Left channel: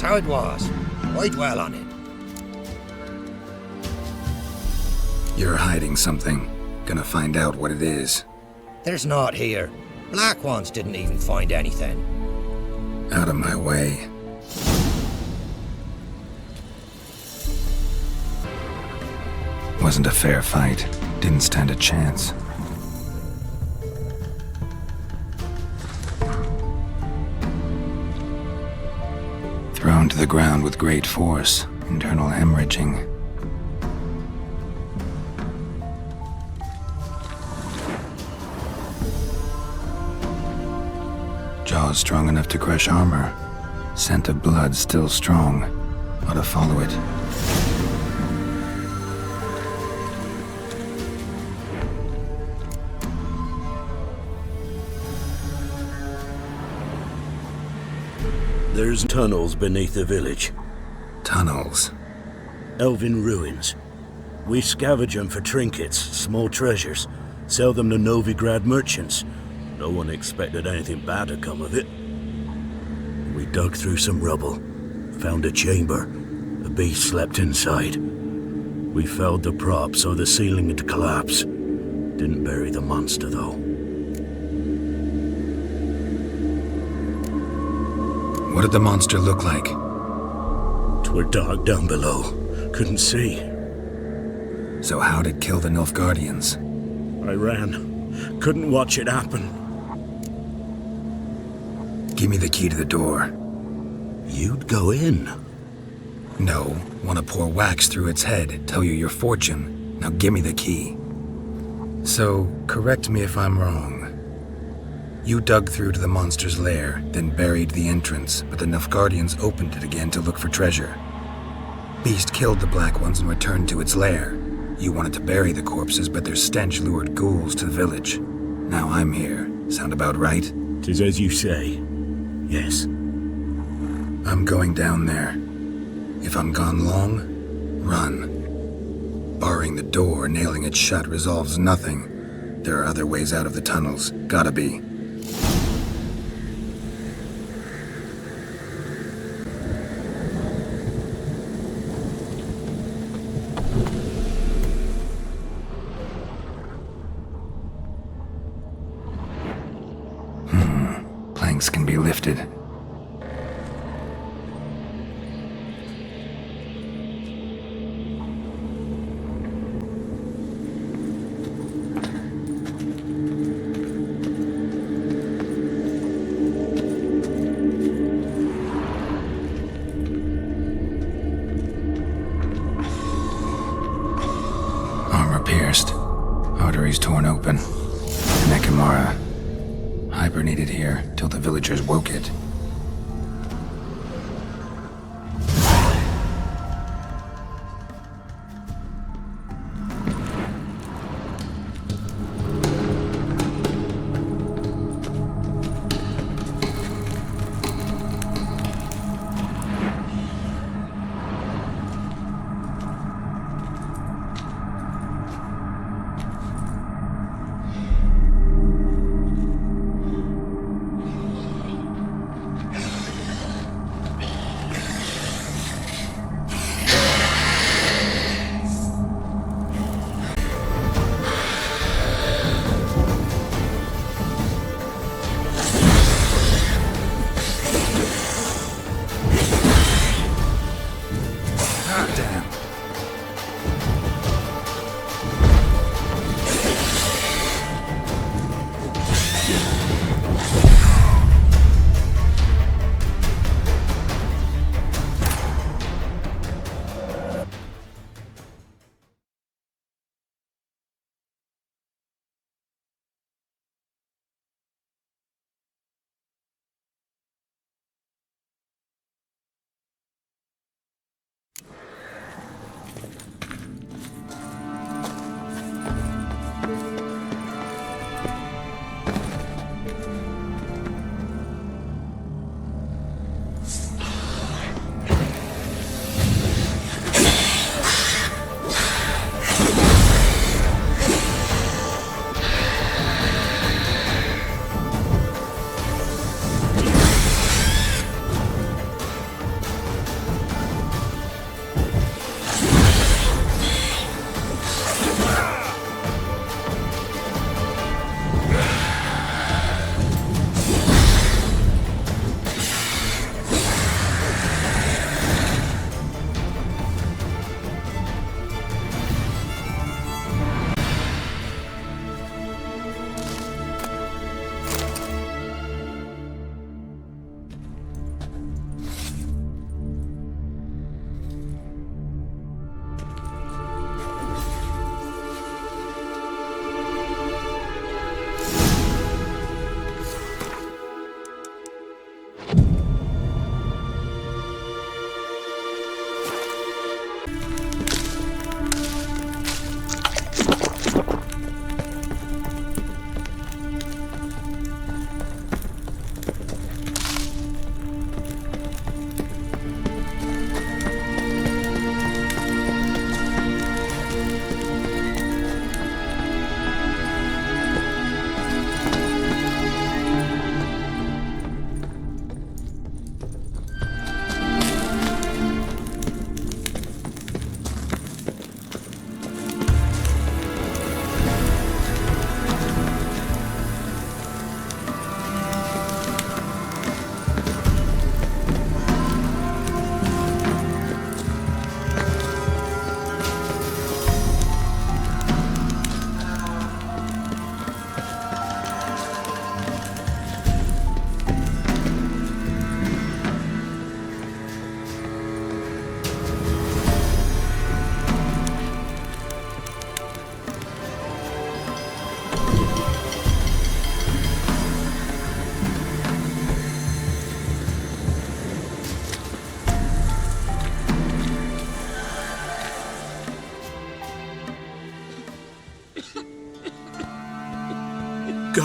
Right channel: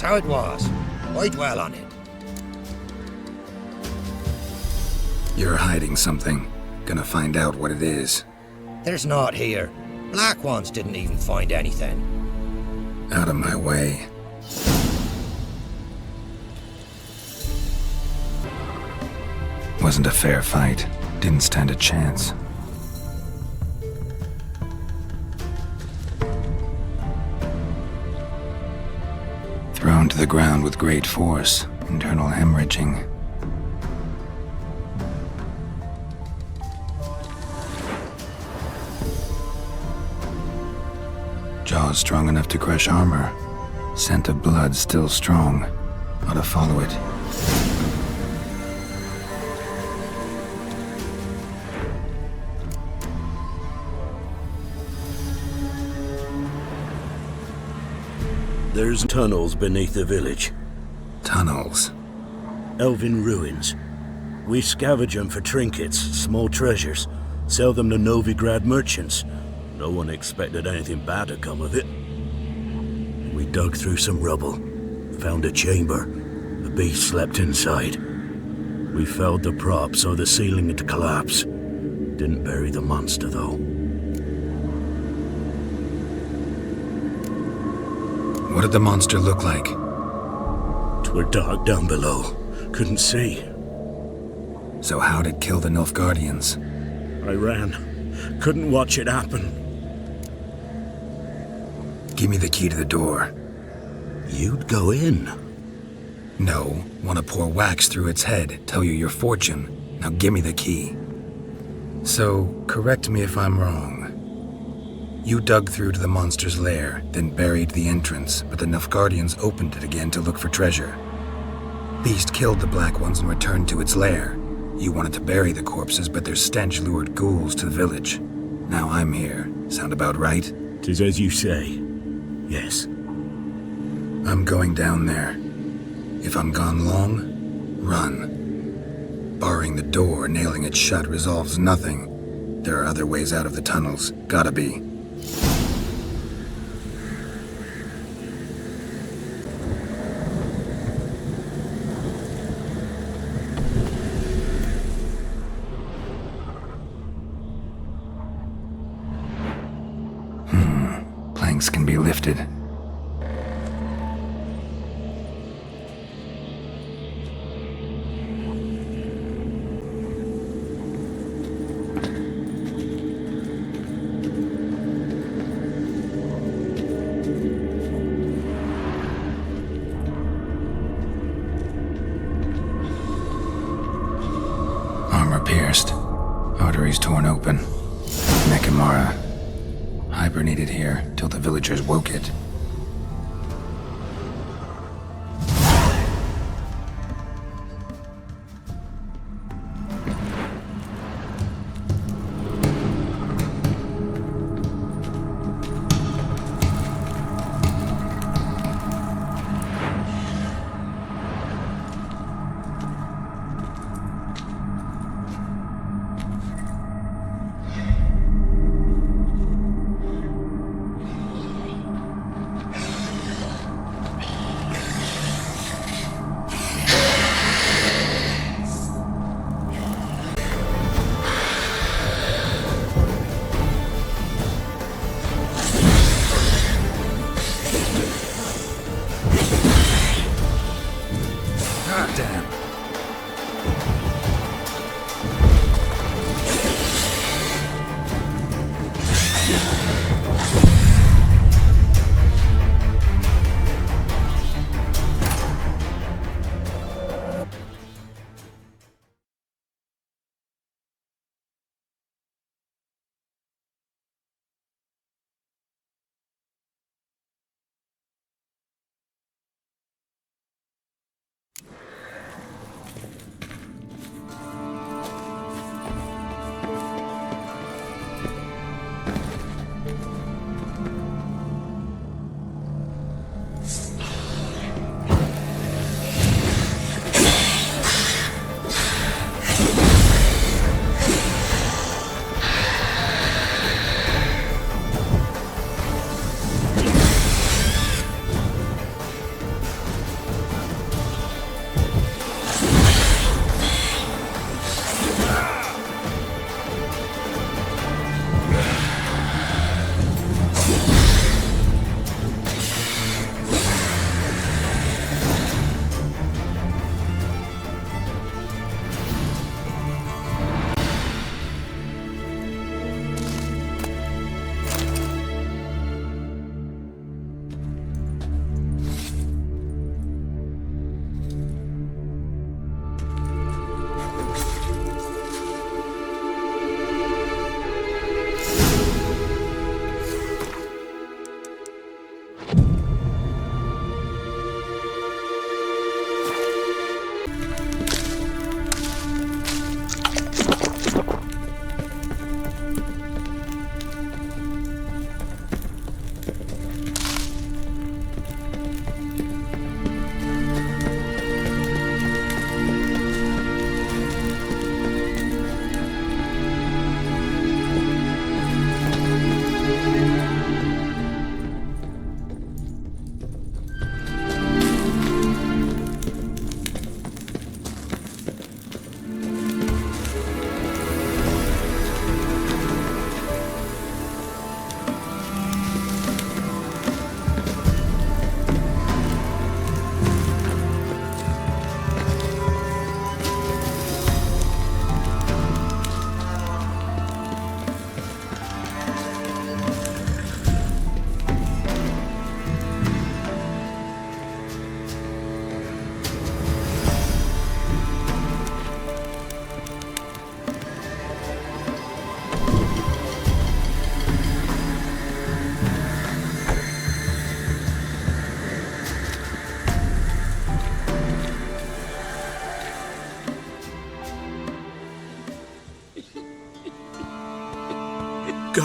That's how it was. I dwell on it. You're hiding something. Gonna find out what it is. There's naught here. Black ones didn't even find anything. Out of my way. Wasn't a fair fight. Didn't stand a chance. Thrown to the ground with great force. Internal hemorrhaging. Jaws strong enough to crush armor. Scent of blood still strong. Ought to follow it. There's tunnels beneath the village. Tunnels. Elven ruins. We scavenge them for trinkets, small treasures. Sell them to Novigrad merchants. No one expected anything bad to come of it. We dug through some rubble. Found a chamber. A beast slept inside. We felled the prop so the ceiling had collapsed. Didn't bury the monster though. What did the monster look like? 'Twere dark down below. Couldn't see. So how'd it kill the Nilfgaardians? I ran. Couldn't watch it happen. Give me the key to the door. You'd go in? No. Want to pour wax through its head, tell you your fortune. Now give me the key. So, correct me if I'm wrong. You dug through to the monster's lair, then buried the entrance, but the Nilfgaardians opened it again to look for treasure. Beast killed the Black Ones and returned to its lair. You wanted to bury the corpses, but their stench lured ghouls to the village. Now I'm here. Sound about right? 'Tis as you say. Yes. I'm going down there. If I'm gone long, run. Barring the door, nailing it shut resolves nothing. There are other ways out of the tunnels. Gotta be. Planks can be lifted. Armor pierced. Arteries torn open. An Ekimmara. Hibernated here till the villagers woke it.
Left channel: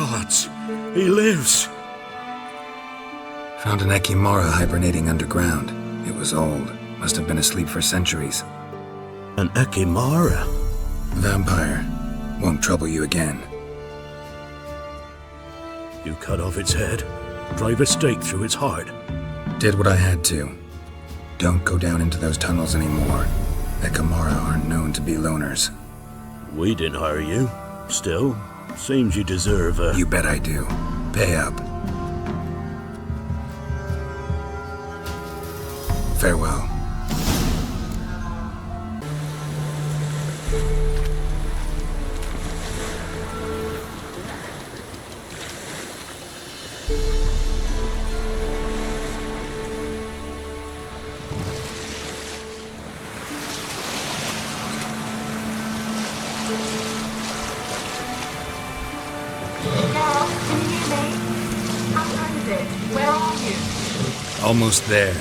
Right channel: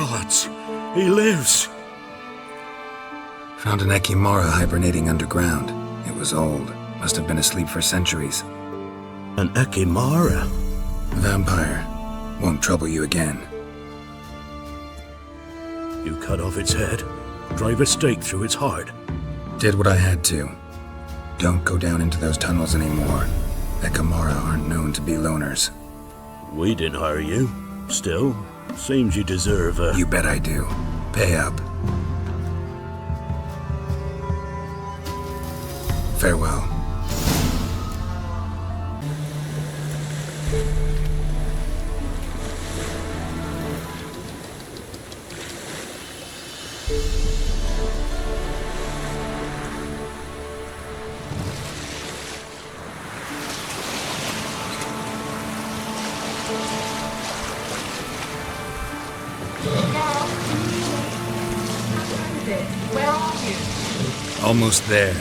gods! He lives! Found an Ekimmara hibernating underground. It was old. Must have been asleep for centuries. An Ekimmara? Vampire. Won't trouble you again. You cut off its head, drive a stake through its heart. Did what I had to. Don't go down into those tunnels anymore. Ekimmara aren't known to be loners. We didn't hire you. Still, seems you deserve a... You bet I do. Pay up. Farewell. Geralt, can you hear me? How time is it? Where are you? Almost there.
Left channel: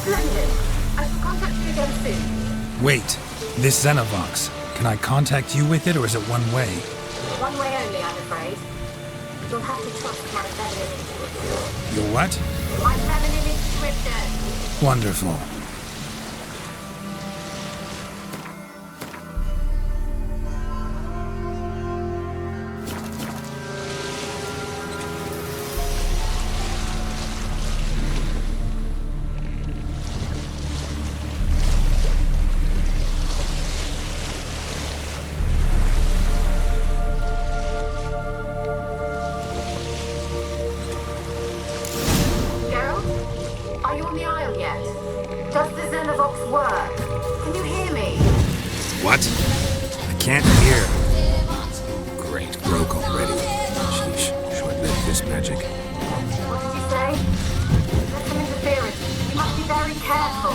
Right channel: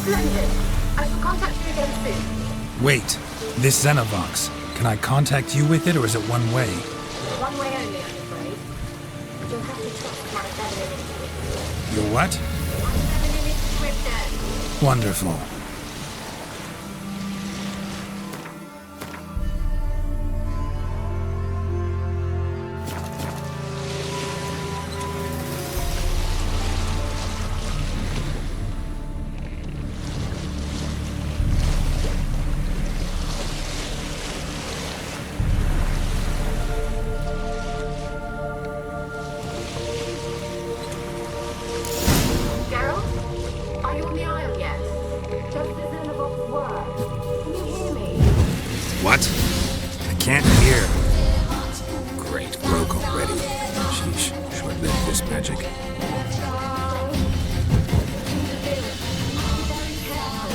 Splendid. I shall contact you again soon. Wait, this Xenovox, can I contact you with it or is it one way? One way only, I'm afraid. You'll have to trust my feminine intuition. Your what? My feminine intuition. Wonderful. Geralt? Are you on the Isle yet? Does the Xenovox work? Can you hear me? What? I can't hear. Great, broke already. Sheesh, short-lived this magic. What did you say? There's some interference. You must be very careful.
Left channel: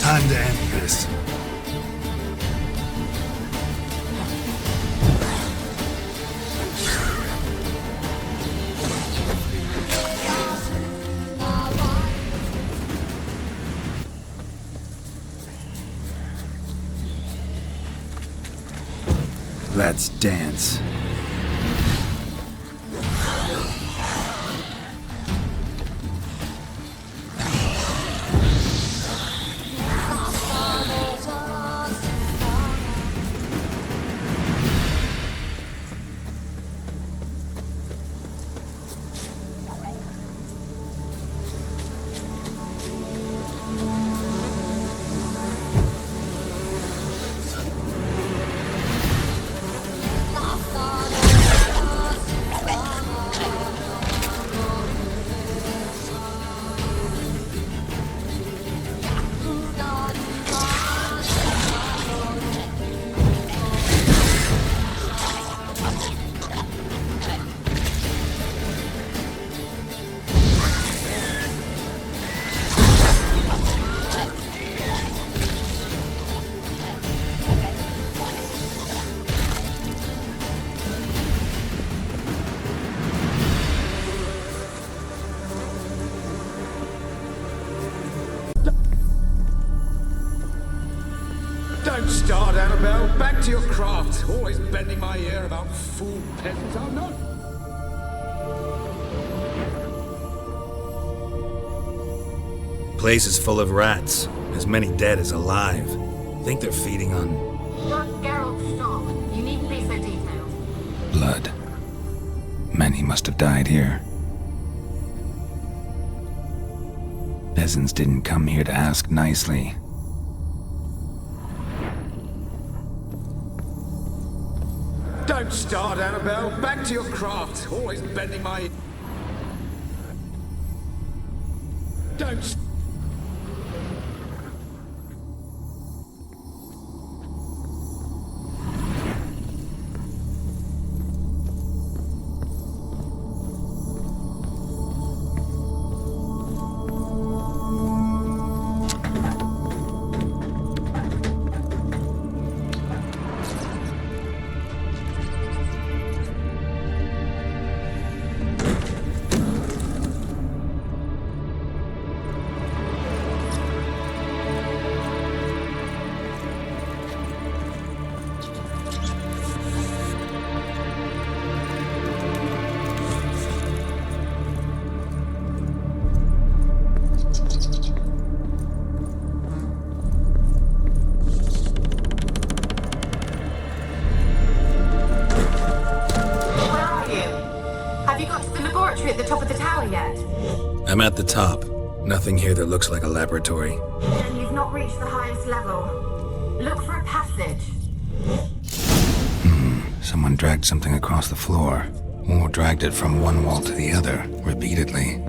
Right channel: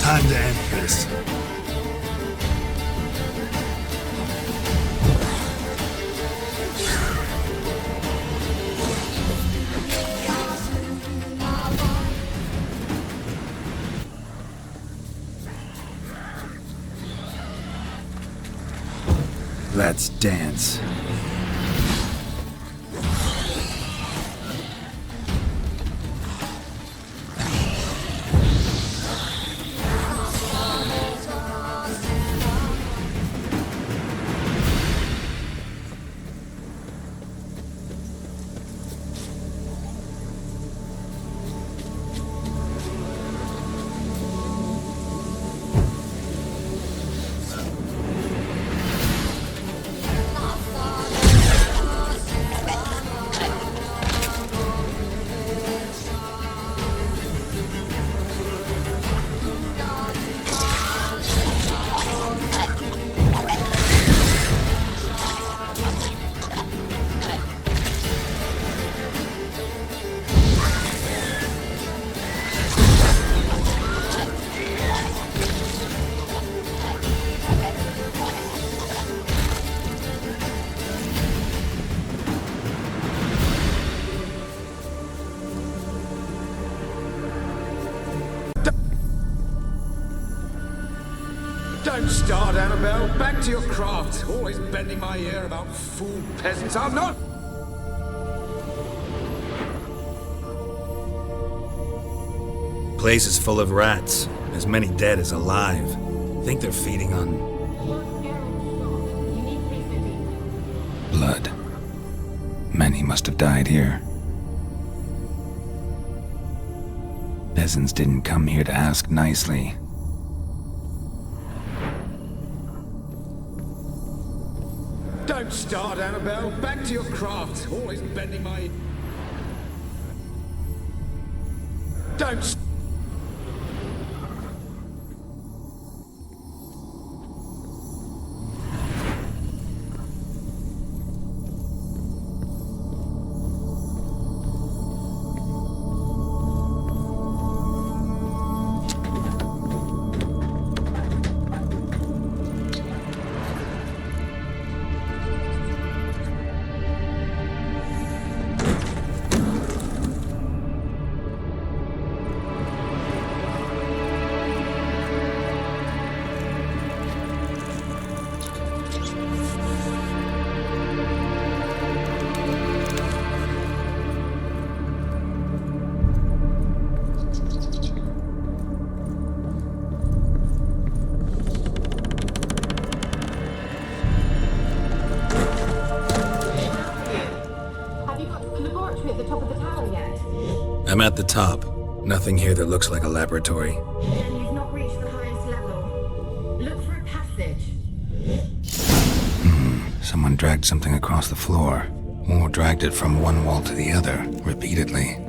Time to end this. Let's dance. Don't start, Annabelle. Back to your craft. Always bending my ear about fool peasants. I'm not... Place is full of rats. As many dead as alive. Think they're feeding on... Geralt, stop. You needn't be so Many must have died here. Peasants didn't come here to ask nicely. Don't start, Annabelle. Back to your craft. Always bending my... Don't... I'm at the top. Nothing here that looks like a laboratory. Then you've not reached the highest level. Look for a passage. Someone dragged something across the floor, or dragged it from one wall to the other, repeatedly.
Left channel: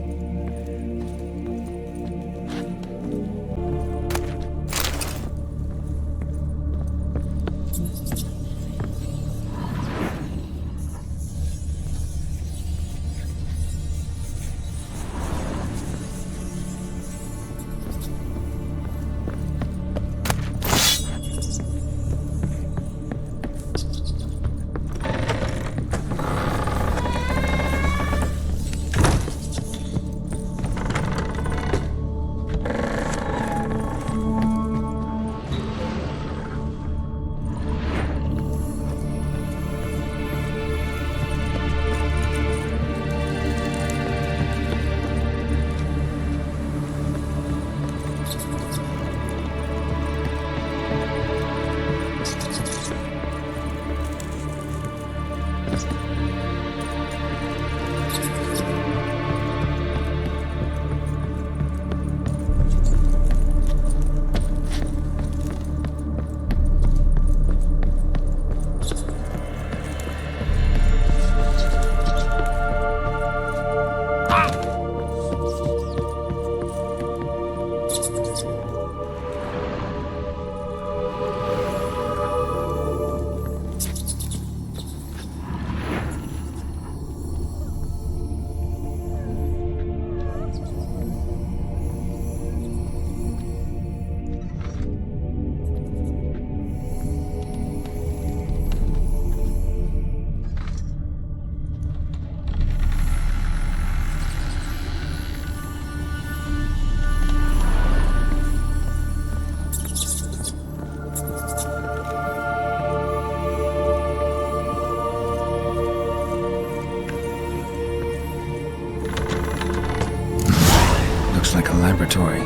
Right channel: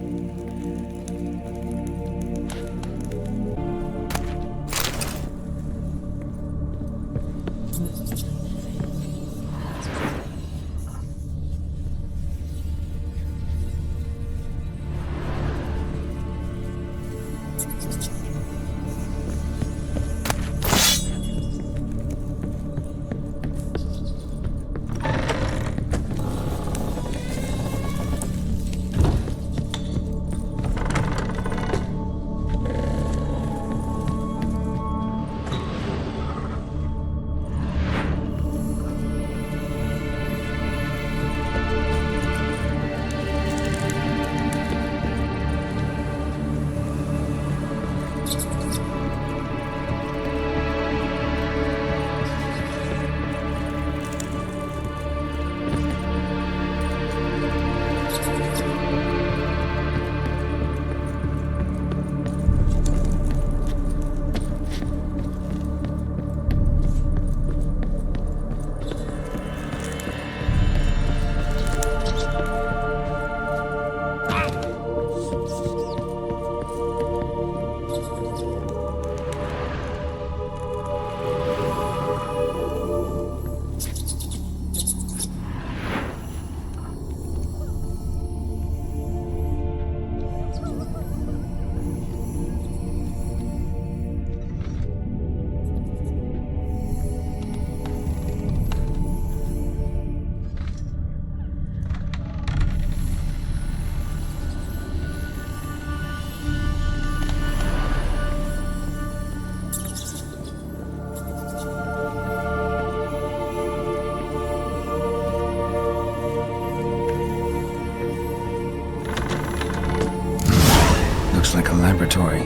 Like a laboratory.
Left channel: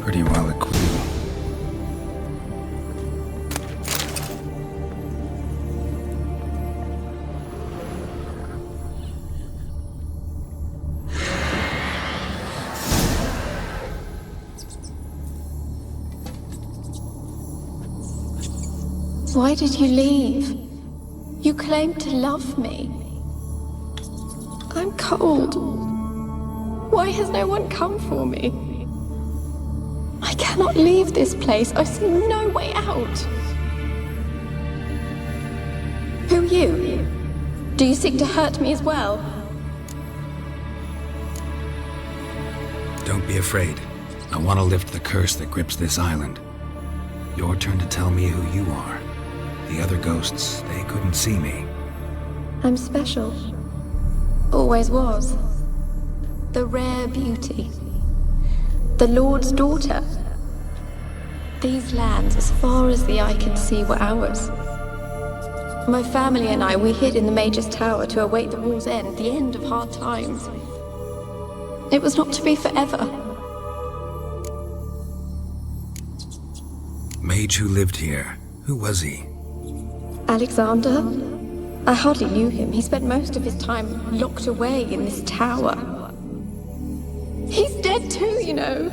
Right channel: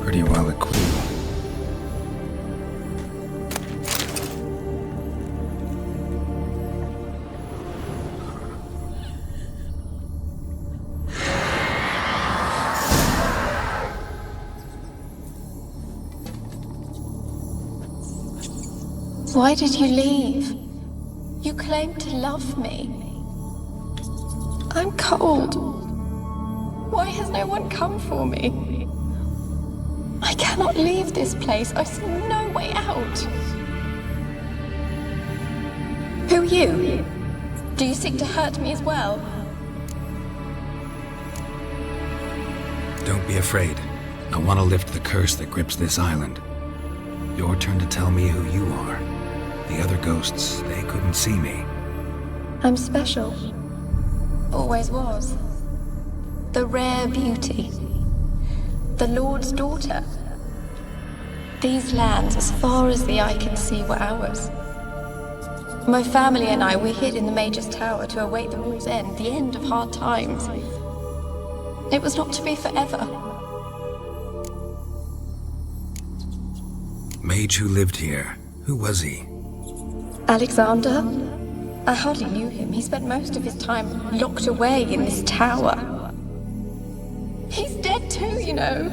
Pretty well equipped. Why did you leave? You claimed to love me. I'm cold. Why has no one come for me? I cannot leave this place. I see no way out. Who are you? Do you seek to hurt me as well? Don't be afraid. I want to lift the curse that grips this island. Your turn to tell me who you are. The other ghosts, they couldn't see me. I'm special. Always was. The rare beauty. The Lord's daughter. These lands, as far as the eye could see, were ours. My family and I, we hid in the Mage's Tower to await the war's end, the end of hard times. It was not to be forever. Mage who lived here. Who was he? Alexander? I hardly knew him. He spent most of his time locked away in this tower. He's dead too, you know.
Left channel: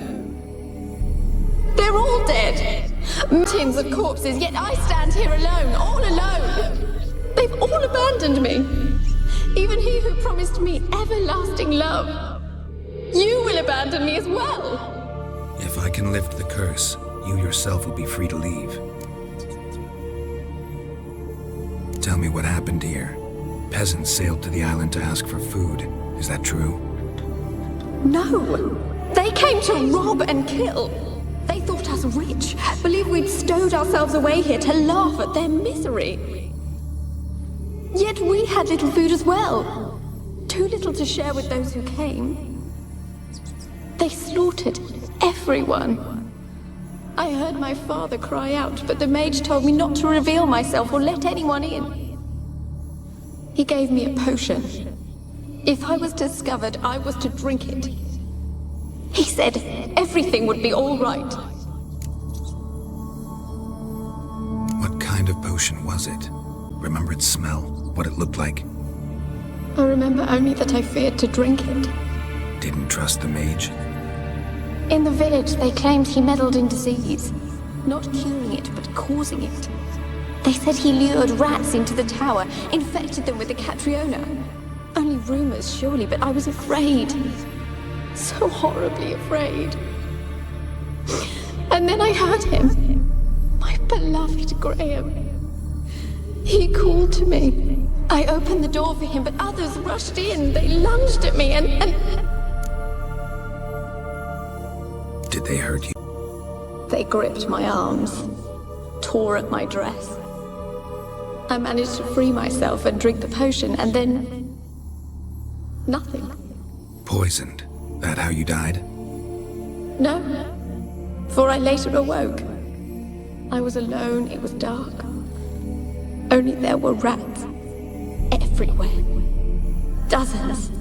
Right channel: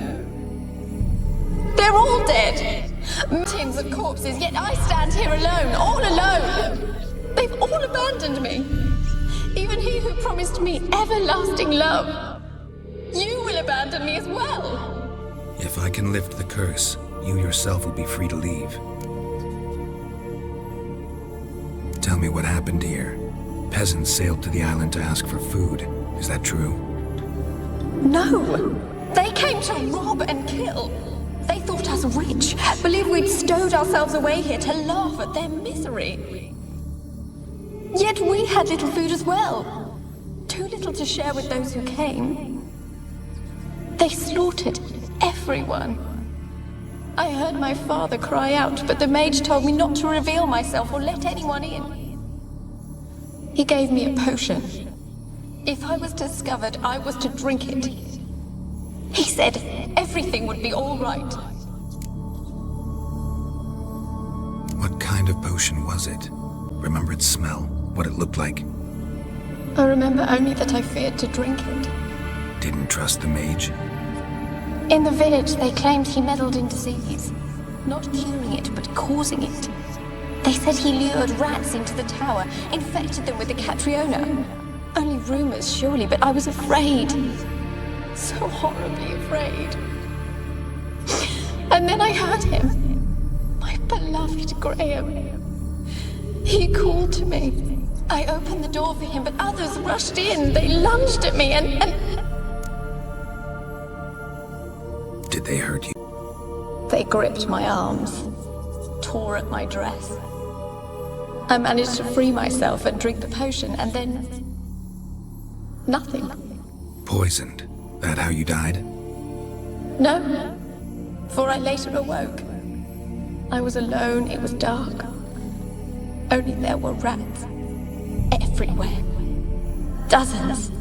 They're all dead. Mountains of corpses, yet I stand here alone, all alone. They've all abandoned me. Even he who promised me everlasting love. You will abandon me as well. If I can lift the curse, you yourself will be free to leave. Tell me what happened here. Peasants sailed to the island to ask for food. Is that true? No. They came to rob and kill. They thought us rich, believed we'd stowed ourselves away here to laugh at their misery. Yet we had little food as well. Too little to share with those who came. They slaughtered everyone. I heard my father cry out, but the mage told me not to reveal myself or let anyone in. He gave me a potion. If I was discovered, I was to drink it. He said everything would be all right. What kind of potion was it? Remember its smell? What it looked like? I remember only that I feared to drink it. Didn't trust the mage? In the village, they claimed he meddled in disease. Not curing it, but causing it. They said he lured rats into the tower, infected them with the Catriona. Only rumors, surely, but I was afraid. So horribly afraid. And then I heard him. My beloved Graham. He called to me. I opened the door for him, but others rushed in. They lunged at me and... Did they hurt you? They gripped my arms, tore at my dress. I managed to free myself and drink the potion, and then... nothing. Poisoned? That how you died? No, for I later awoke. I was alone, it was dark. Only there were rats. Everywhere. Dozens.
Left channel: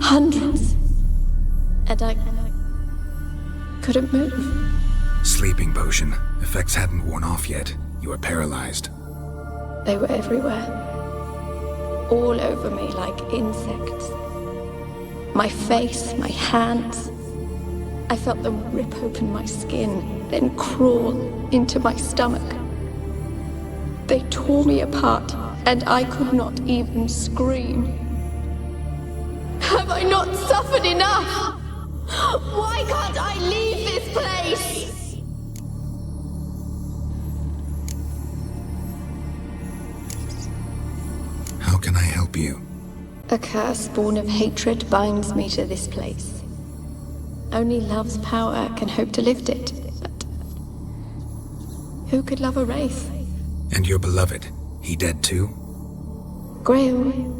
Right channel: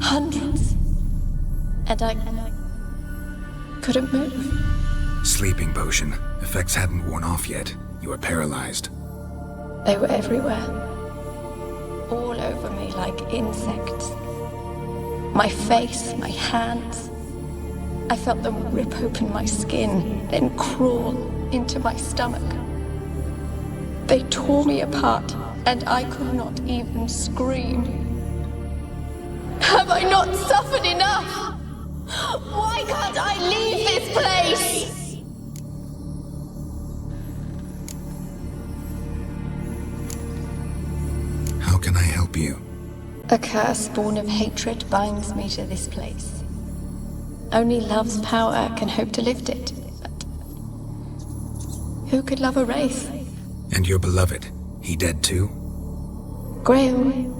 Hundreds. And I couldn't move. Sleeping potion. Effects hadn't worn off yet. You were paralyzed. They were everywhere. All over me like insects. My face, my hands. I felt them rip open my skin, then crawl into my stomach. They tore me apart, and I could not even scream. Have I not suffered enough? Why can't I leave this place? How can I help you? A curse born of hatred binds me to this place. Only love's power can hope to lift it, but who could love a wraith? And your beloved, he dead too? Graham?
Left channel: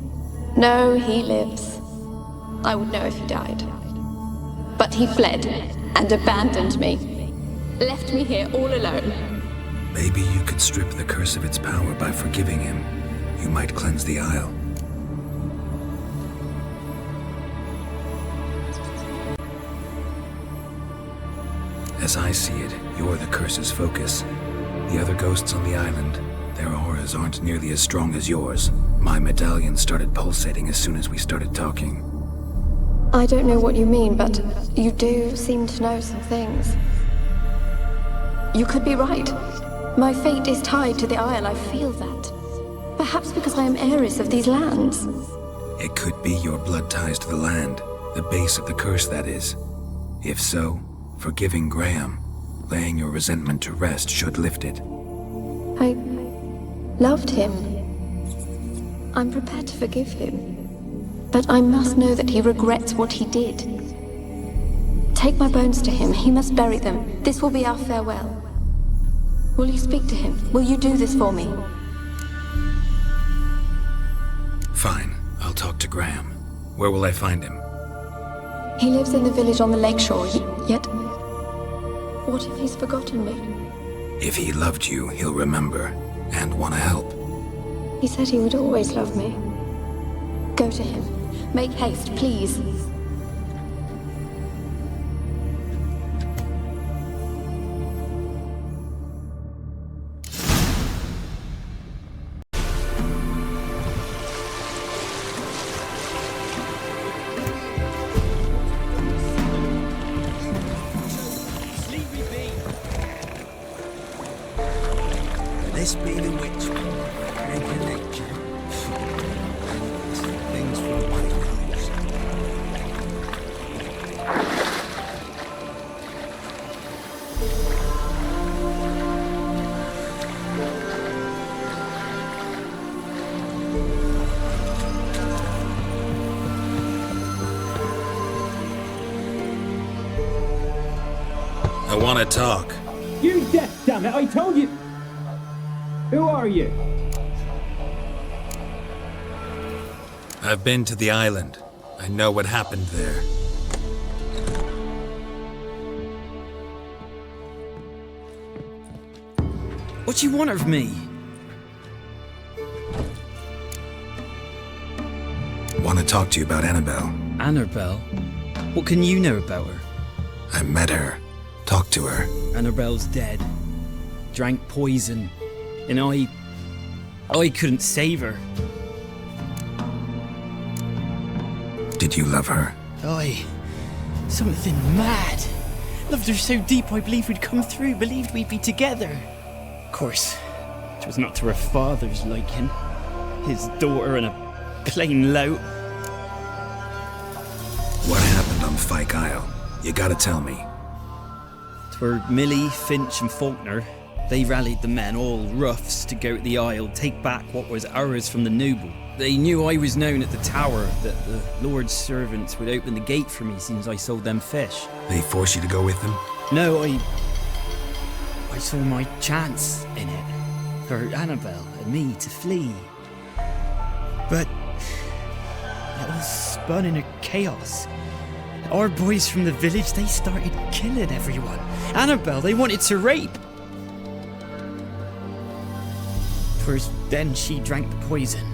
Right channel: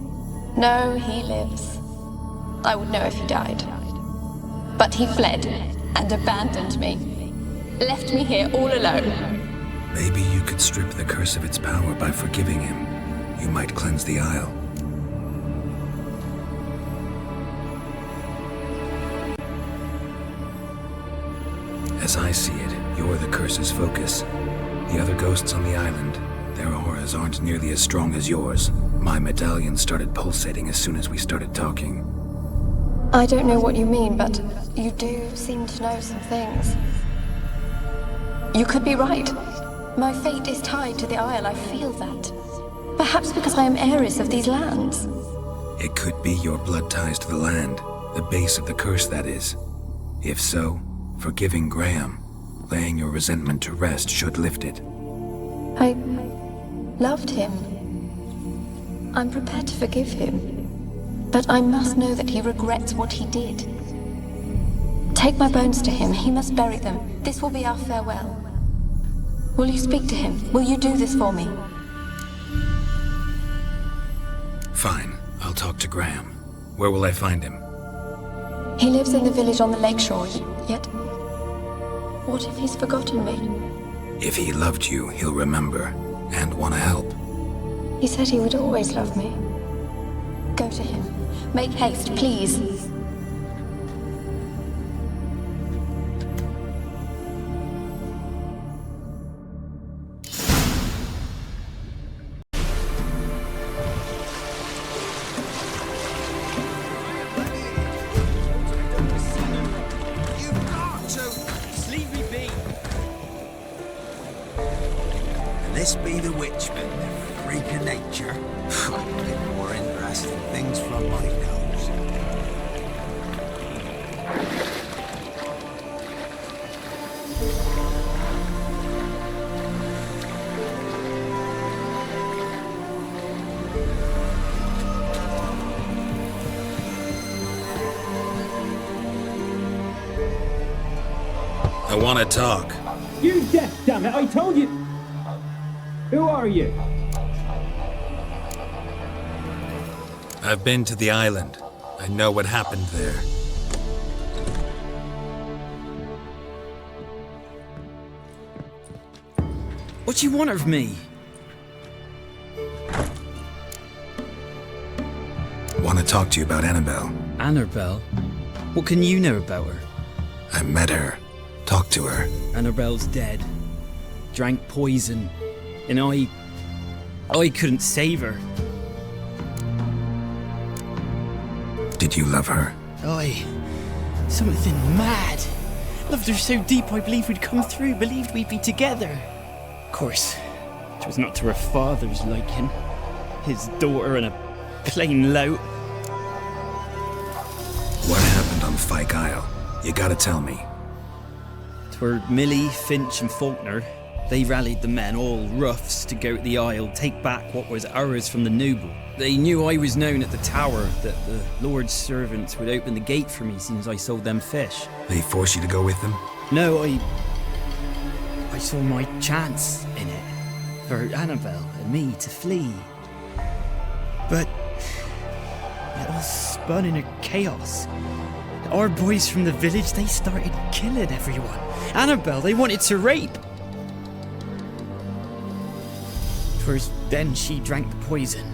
No, he lives. I would know if he died. But he fled and abandoned me. Left me here all alone. Maybe you could strip the curse of its power by forgiving him. You might cleanse the Isle. As I see it, you're the curse's focus. The other ghosts on the island, their auras aren't nearly as strong as yours. My medallion started pulsating as soon as we started talking. I don't know what you mean, but you do seem to know some things. You could be right. My fate is tied to the Isle, I feel that. Perhaps because I am heiress of these lands. It could be your blood ties to the land, the base of the curse, that is. If so, forgiving Graham, laying your resentment to rest should lift it. I loved him. I'm prepared to forgive him. But I must know that he regrets what he did. Take my bones to him. He must bury them. This will be our farewell. Will you speak to him? Will you do this for me? Fine. I'll talk to Graham. Where will I find him? He lives in the village on the lakeshore, yet... what if he's forgotten me? If he loved you, he'll remember, and want to help. He said he would always love me. Go to him. Make haste, please. This be the witchman, freak of nature. More interesting things from my nose. I want to talk. You deaf, damn it! I told you. Who are you? I've been to the island. I know what happened there. What do you want of me? Want to talk to you about Annabelle. Annabelle? What can you know about her? I met her. Talked to her. Annabelle's dead. Drank poison. And I couldn't save her. Did you love her? Something mad. Loved her so deep I believed we'd come through, believed we'd be together. Of course, it was not to her father's liking. His daughter and a plain lout. What happened on Fyke Isle? You gotta tell me. 'Twere Millie, Finch and Faulkner. They rallied the men, all roughs, to go to the Isle, take back what was ours from the noble. They knew I was known at the tower, that the Lord's servants would open the gate for me since I sold them fish. They forced you to go with them? No, I saw my chance in it, for Annabelle and me to flee. But it all spun in a chaos. Our boys from the village, they started killing everyone. Annabelle, they wanted to rape. First, then she drank the poison.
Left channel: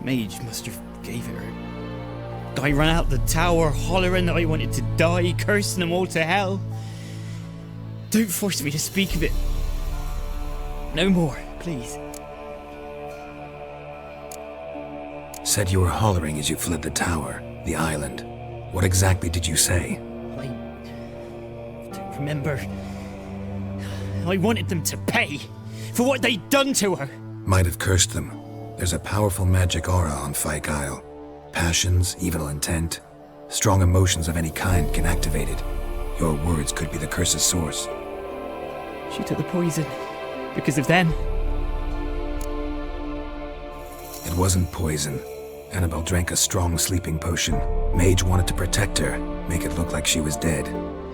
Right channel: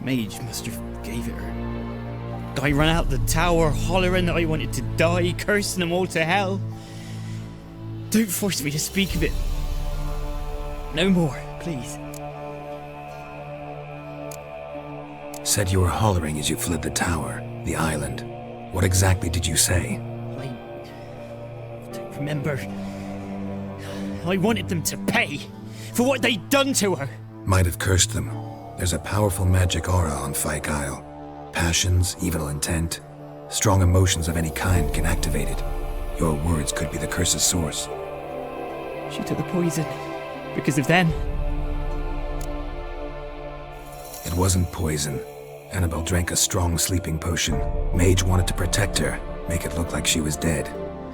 Mage must have gave it her. I ran out the tower, hollering that I wanted to die, cursing them all to hell. Don't force me to speak of it. No more, please. Said you were hollering as you fled the tower, the island. What exactly did you say? I don't remember. I wanted them to pay for what they'd done to her. Might have cursed them. There's a powerful magic aura on Fyke Isle. Passions, evil intent, strong emotions of any kind can activate it. Your words could be the curse's source. She took the poison because of them. It wasn't poison. Annabelle drank a strong sleeping potion. Mage wanted to protect her, make it look like she was dead.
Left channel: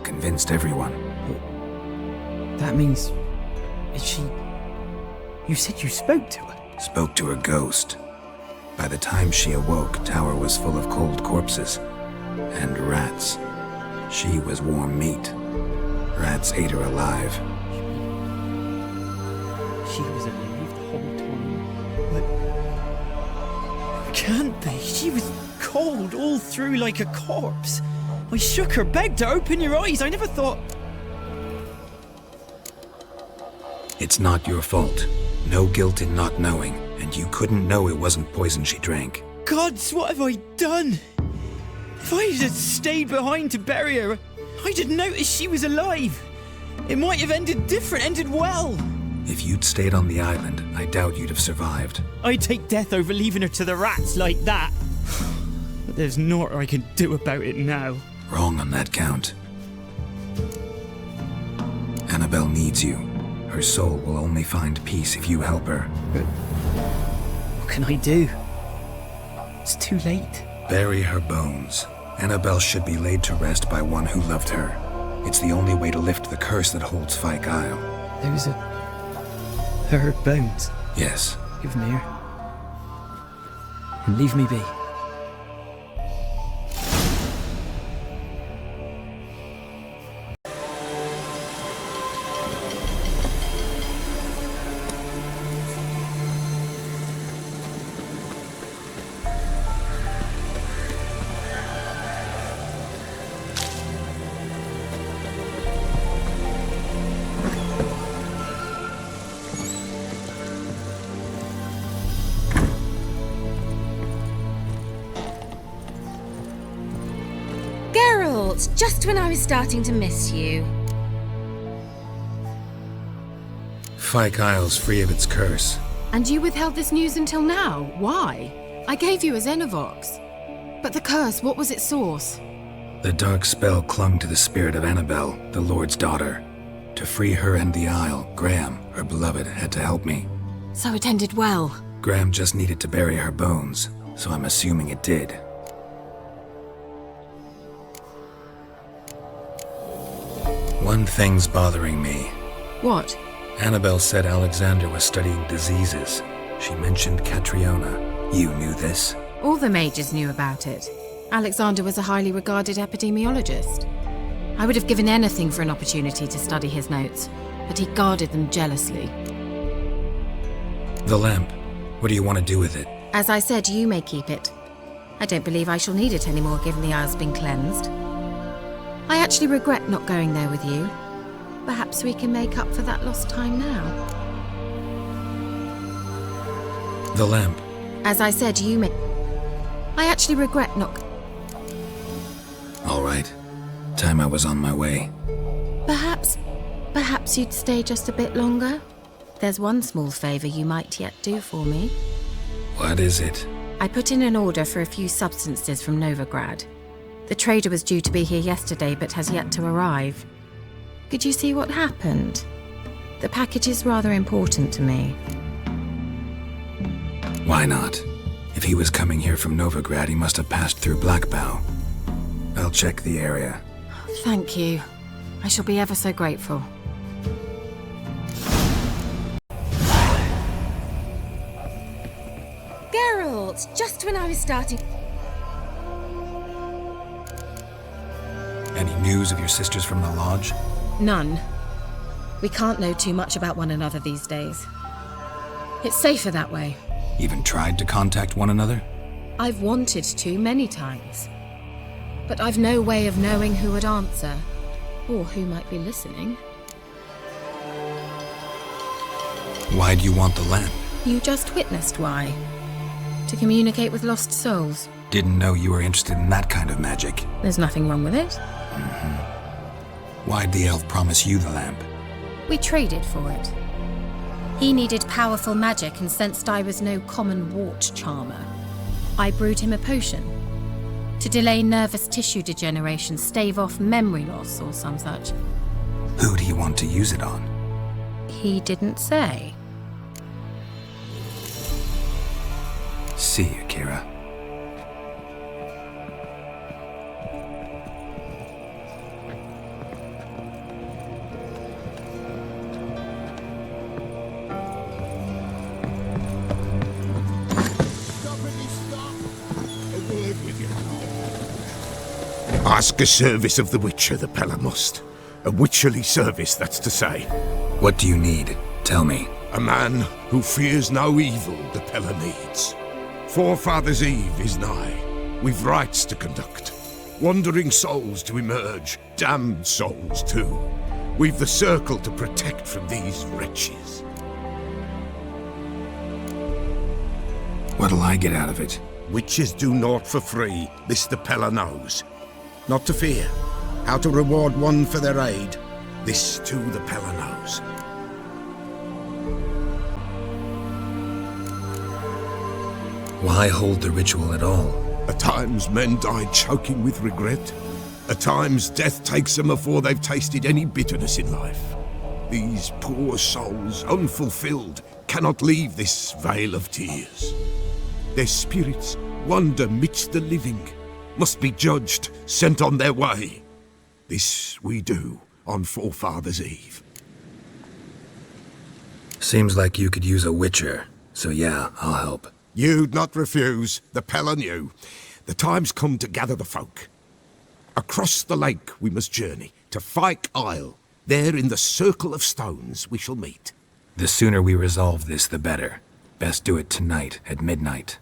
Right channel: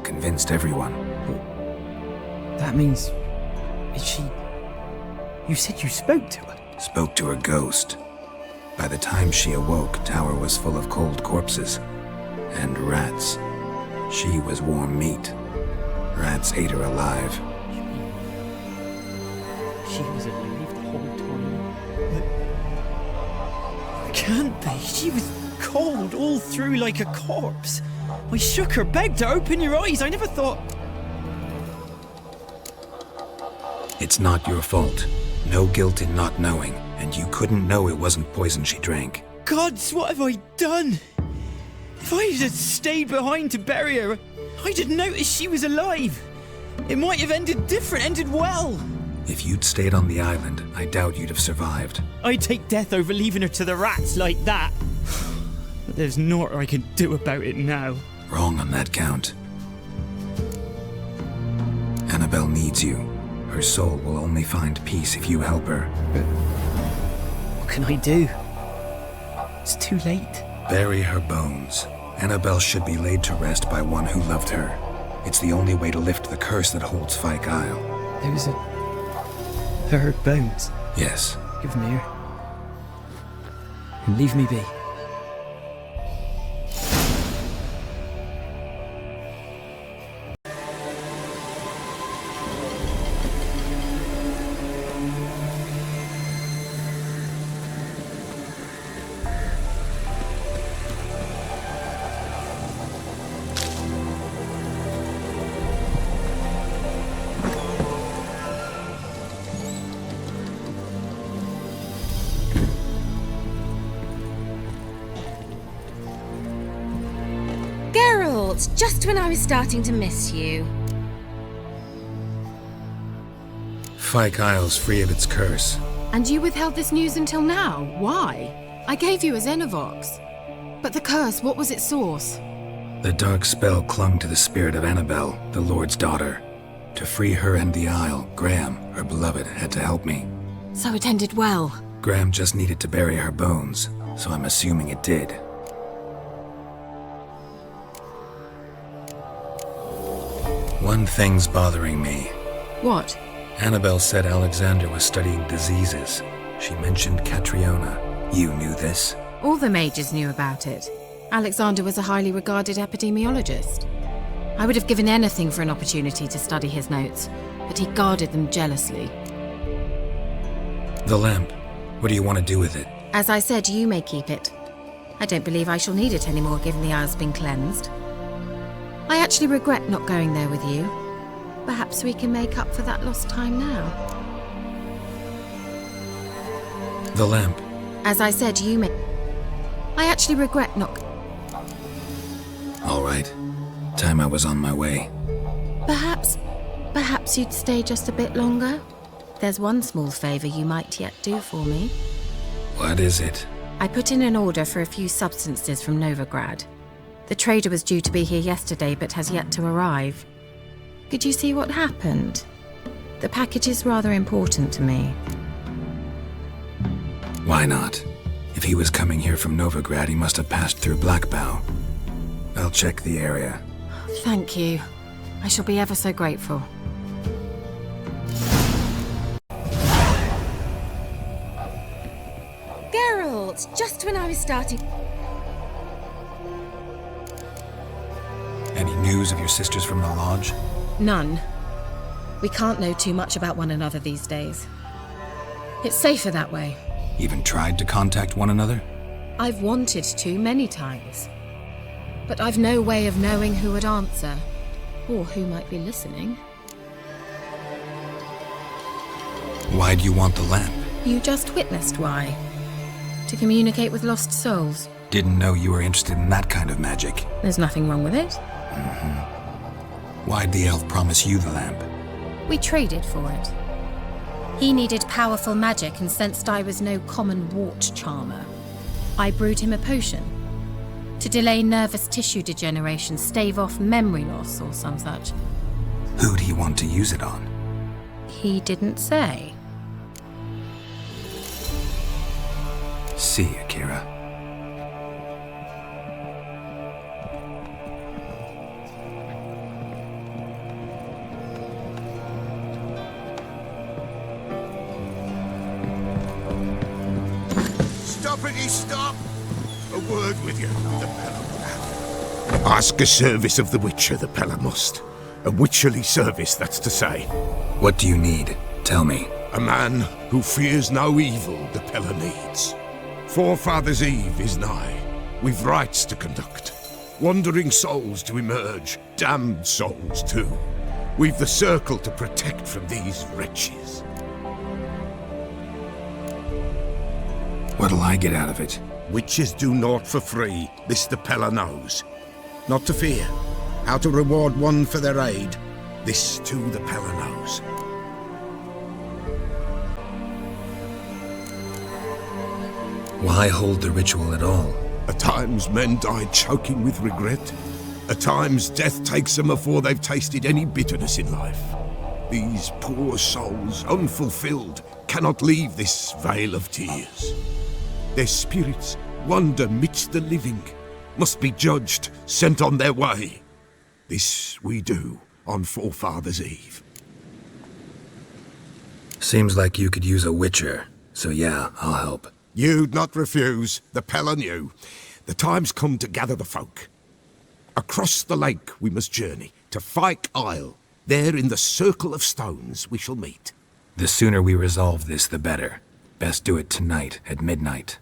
Convinced everyone. That means... is she... You said you spoke to her? Spoke to her ghost. By the time she awoke, tower was full of cold corpses. And rats. She was warm meat. Rats ate her alive. She was alive the whole time? But... Can't be. She was cold all through like a corpse. I shook her, begged her, open your eyes. I never thought... It's not your fault. No guilt in not knowing, and you couldn't know it wasn't poison she drank. Gods, what have I done? If I had stayed behind to bury her, I didn't notice she was alive. It might have ended different, ended well. If you'd stayed on the island, I doubt you'd have survived. I'd take death over leaving her to the rats like that. But there's naught I can do about it now. Wrong on that count. Annabelle needs you. Her soul will only find peace if you help her. But what can I do? It's too late. Bury her bones. Annabelle should be laid to rest by one who loved her. It's the only way to lift the curse that holds Fyke Isle. Those are... her bones. Yes. Give me her. And leave me be. Geralt, just when I was starting to miss you. Fyke Isle's free of its curse. And you withheld this news until now? Why? I gave you a Xenovox. But the curse, what was its source? The dark spell clung to the spirit of Annabelle, the Lord's daughter. To free her and the Isle, Graham, her beloved, had to help me. So it ended well. Graham just needed to bury her bones, so I'm assuming it did. One thing's bothering me. What? Annabelle said Alexander was studying diseases. She mentioned Catriona. You knew this? All the mages knew about it. Alexander was a highly regarded epidemiologist. I would have given anything for an opportunity to study his notes, but he guarded them jealously. The lamp. What do you want to do with it? As I said, you may keep it. I don't believe I shall need it anymore, given the Isle's been cleansed. I actually regret not going there with you. Perhaps we can make up for that lost time now. The lamp. As I said, you may... I actually regret not... All right. Time I was on my way. Perhaps you'd stay just a bit longer? There's one small favor you might yet do for me. What is it? I put in an order for a few substances from Novigrad. The trader was due to be here yesterday, but has yet to arrive. Could you see what happened? The package is rather important to me. Why not? If he was coming here from Novigrad, he must have passed through Blackbow. I'll check the area. Thank you. I shall be ever so grateful. Geralt, just when I was starting... Any news of your sisters from the lodge? None. We can't know too much about one another these days. It's safer that way. Even tried to contact one another? I've wanted to many times. But I've no way of knowing who would answer, or who might be listening. Why do you want the lamp? You just witnessed why. To communicate with lost souls. Didn't know you were interested in that kind of magic. There's nothing wrong with it. Why'd the elf promise you the lamp? We traded for it. He needed powerful magic and sensed I was no common wart charmer. I brewed him a potion. To delay nervous tissue degeneration, stave off memory loss or some such. Who'd he want to use it on? He didn't say. See you, Kira. Stop! A word with you. Ask a service of the Witcher, the Pella must. A witcherly service, that's to say. What do you need? Tell me. A man who fears no evil the Pella needs. Forefathers' Eve is nigh. We've rites to conduct. Wandering souls to emerge. Damned souls, too. We've the circle to protect from these wretches. What'll I get out of it? Witches do naught for free, this the Pella knows. Not to fear. How to reward one for their aid, this too the Pella knows. Why hold the ritual at all? At times men die choking with regret. At times death takes them before they've tasted any bitterness in life. These poor souls, unfulfilled, cannot leave this vale of tears. Their spirits wander midst the living, must be judged, sent on their way. This we do on Forefathers' Eve. Seems like you could use a witcher, so yeah, I'll help. You'd not refuse, the Pella knew. The time's come to gather the folk. Across the lake we must journey, to Fyke Isle. There in the circle of stones we shall meet. The sooner we resolve this, the better. Best do it tonight at midnight.